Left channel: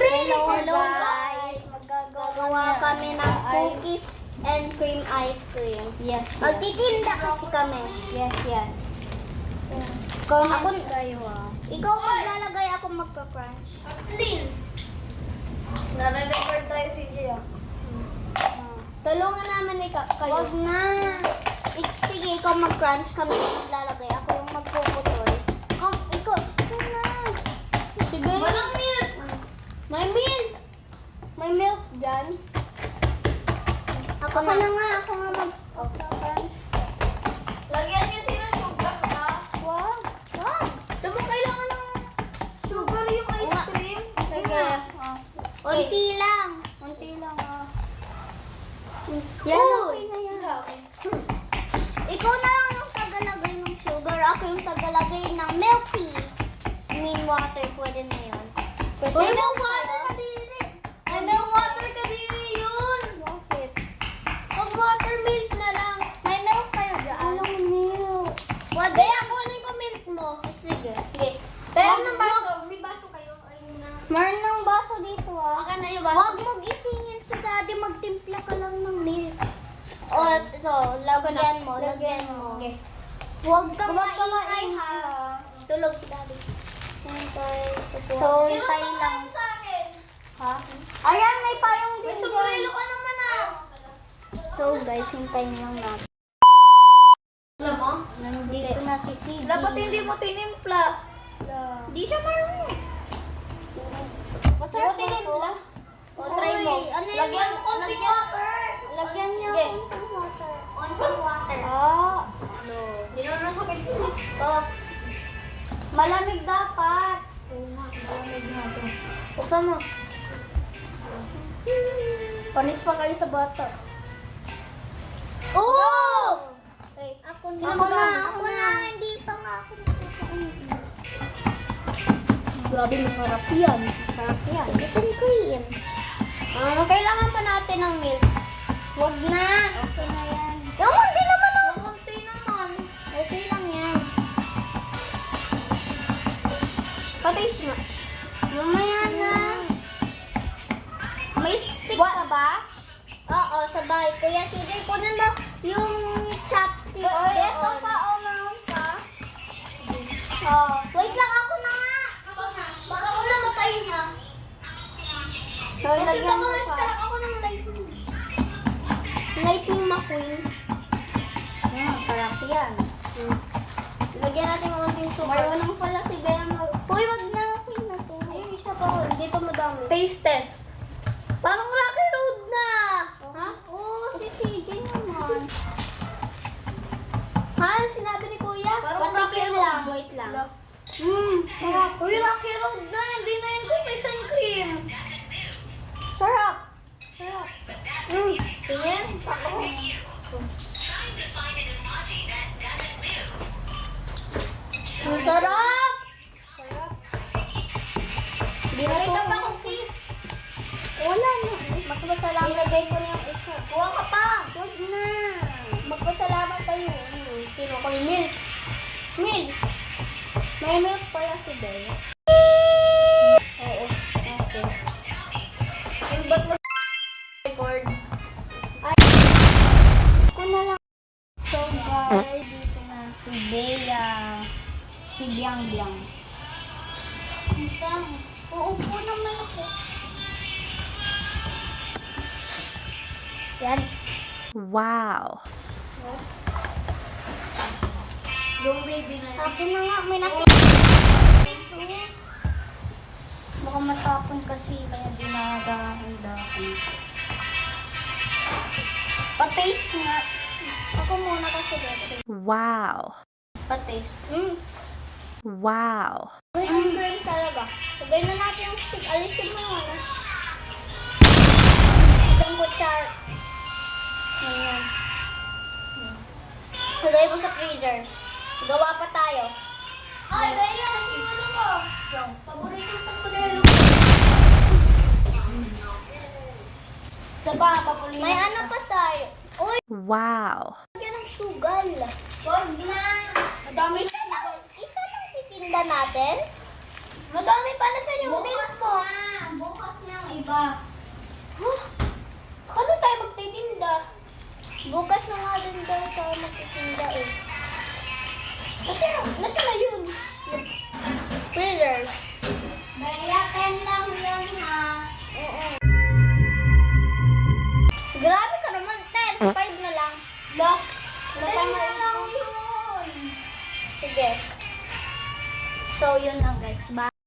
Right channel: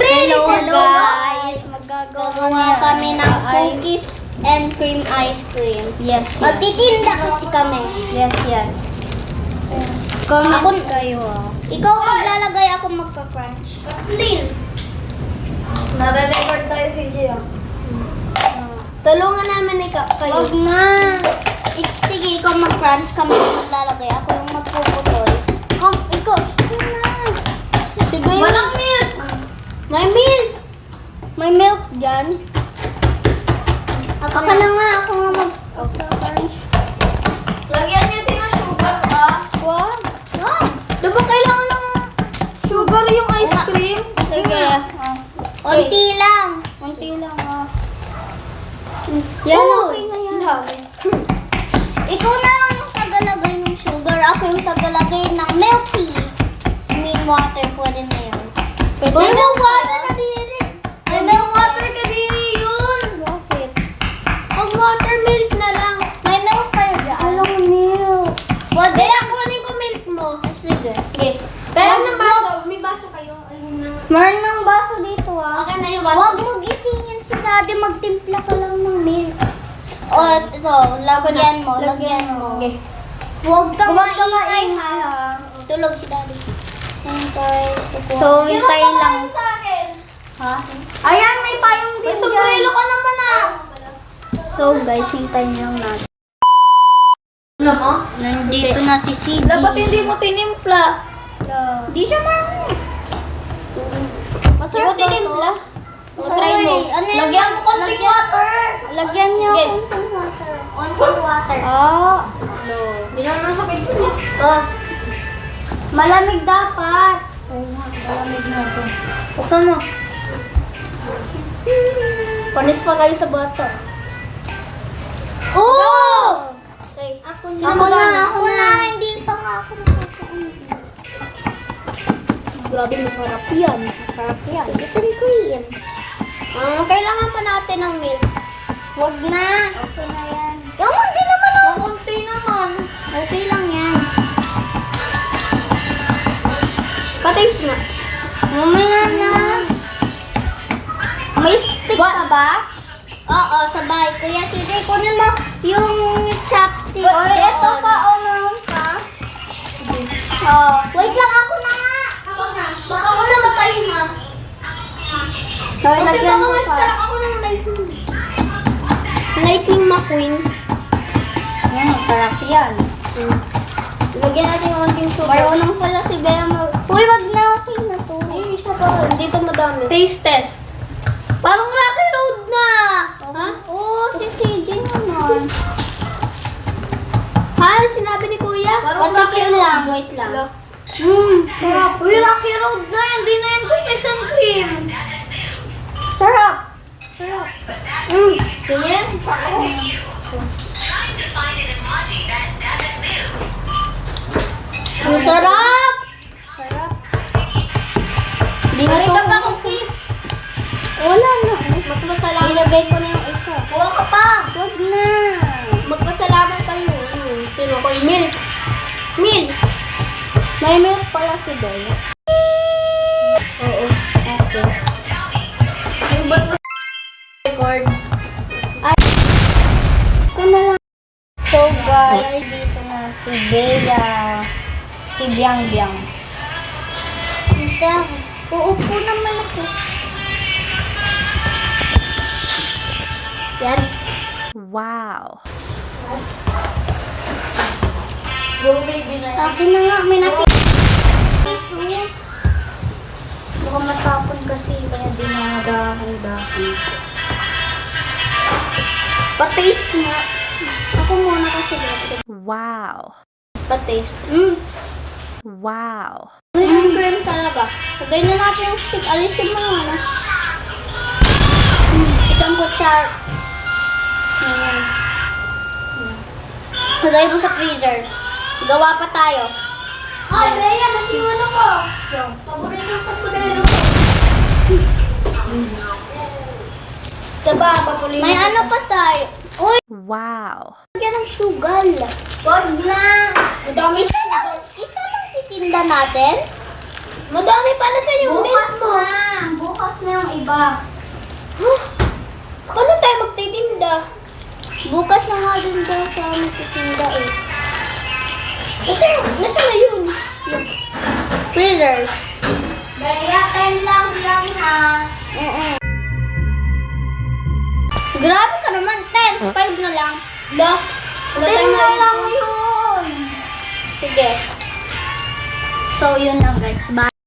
Hello guys! Magagawa kami ng cookies and cream ice cream. Yes. Magtitinda kasi kami. Yes. Comment kayo Ikaw maglalagay, ako magka-crunch. Clean. Nare-record tayo si Gia. Tulungan namin kayo. Wag na. Sige, ikaw mag-crunch, kami maglalagay. Ako yung magpuputol. Ikaw, sige na. Walang milk. May milk. May milk dyan. Ako na nga, ako nga mag-crunch. Lagyan niyo din ng sugar, ah. Wag. Diba kailangan ng sugar yung ice cream? Sige. Unti lang. Unti lang, Yan, okay na yan. Ikaw na ang tagalagay ng sugar. Ako yung tagalagay ng milk tea. I mean water. Pwede na yun. May milk water ka diri. May milk water ka diri yun. Bakit? Pag watermilk na lang. May milk kayo dyan. Alam milk. Pwede. Kaya kunin ko milk mo. Sige. Okay. Pero ng baso. May baso kayo. Ayun na. Meron ng baso dito, Okay na yung baso. Huwag mo gisingin si daddy. Magtimpla ka lang ng milk. O, ito. Lagyan mo. Lagyan mo. Okay. Huwag kang Huwag kang maingay, maingay, ha? Tulog si daddy. Hintay. So, So, hintayin lang. Sa akin? ha? Ayan, may payong din May sombrero ka naman ah. So, guys, hintayin lang natin. Ano mo? Nandito na si CG. Dapat hindi mo tinimpla. Di siya marunong. Hindi mo tinimpla. O, try mo. Ano yan? Lagyan mo konting water. Lagyan niyo Okay. konting water. Konting water. Hindi naman masakit yun eh. Malamig dapat. Malamig na ito. Buksan mo. Panis pa kayo sa bata. Oh! Okay. Ako Sino na, magana? ako na. Hindi pa nga ako nakakain. Grabe, masarap yan. Masarap yan. Isang cream. Kailangan pa natin ng milk. Huwag na. Okay na yan. Yung konti naman ah. Konti naman. Okay lang yan. Patis nga. Mamaya na. May stick ka ba? Oo, sa bahay. Kuya, sige, kunin mo yung chopstick. Oy, ito pa, meron ka. Wait lang, ako na nga. Ako na. Baka ako na matayin ha. Hoy, Kasi lagyan baka mo ma-struck pa. ako ng lightning. Lightning McQueen. Masarap yan. Lagyan natin yung konting sugar. Marunong pala si Bea Uy, wag na. Okay na to. Ay, isa pa. Dito madami. Taste test. Parang Rocky Road na. Ha? Oo, si CJ naman. Ha? Sinabi ni Kuya? Parang Patikim lang, wait lang. Sarap. Uy, Rocky Road na. Hindi na yan cookies and cream. Sarap. Tingin? Ang sarap! Sarap. Di na to pa cookies. Wala na. Magpasalamat. Ilagay ko na yung isa. Kuha ka pa. Wag na. Magpasalamat kayo. Tino ko yung milk. Milk. May milk pala si Bea. Oo. Okay. Yung ba't mo record? Ito na lang. So guys, dito na si Bea. Si Biang Biang. Basta, uupo naman ako. Yan. Wow. Go baby na yan. Akin na nga, may natin. Baka matapon kasi, kaya dinadahan-dahan. Pa-taste nga. Ako muna kasi dito. Wow. Pa-taste. Wow. Yung cream talaga. Lagay na natin yung stick. Alisin mo nga na. Isang kutsar. Ayan. Lagay mo sa freezer. Gawa pa tayo. Ay, Bea, kasi yung ano ko. Paborito ko paborito. Saba, papulitin. May ano pa tayo. Uy, Wow. lagyan ng sugal. Wag na. Madami Isa lang titinda natin. Madami pa na sa yung milk Bukas mo. na. Bukas ba? Huh? Paano tayo magtitinda? Bukas na nga din daw sa magtitinda eh. Nasa na yun? Freezer. Baya, 10 lang ha. Grabe ka naman, 10. 5 na lang. Lo? 10 na lang yun. Sige. So, yun na guys. Bye.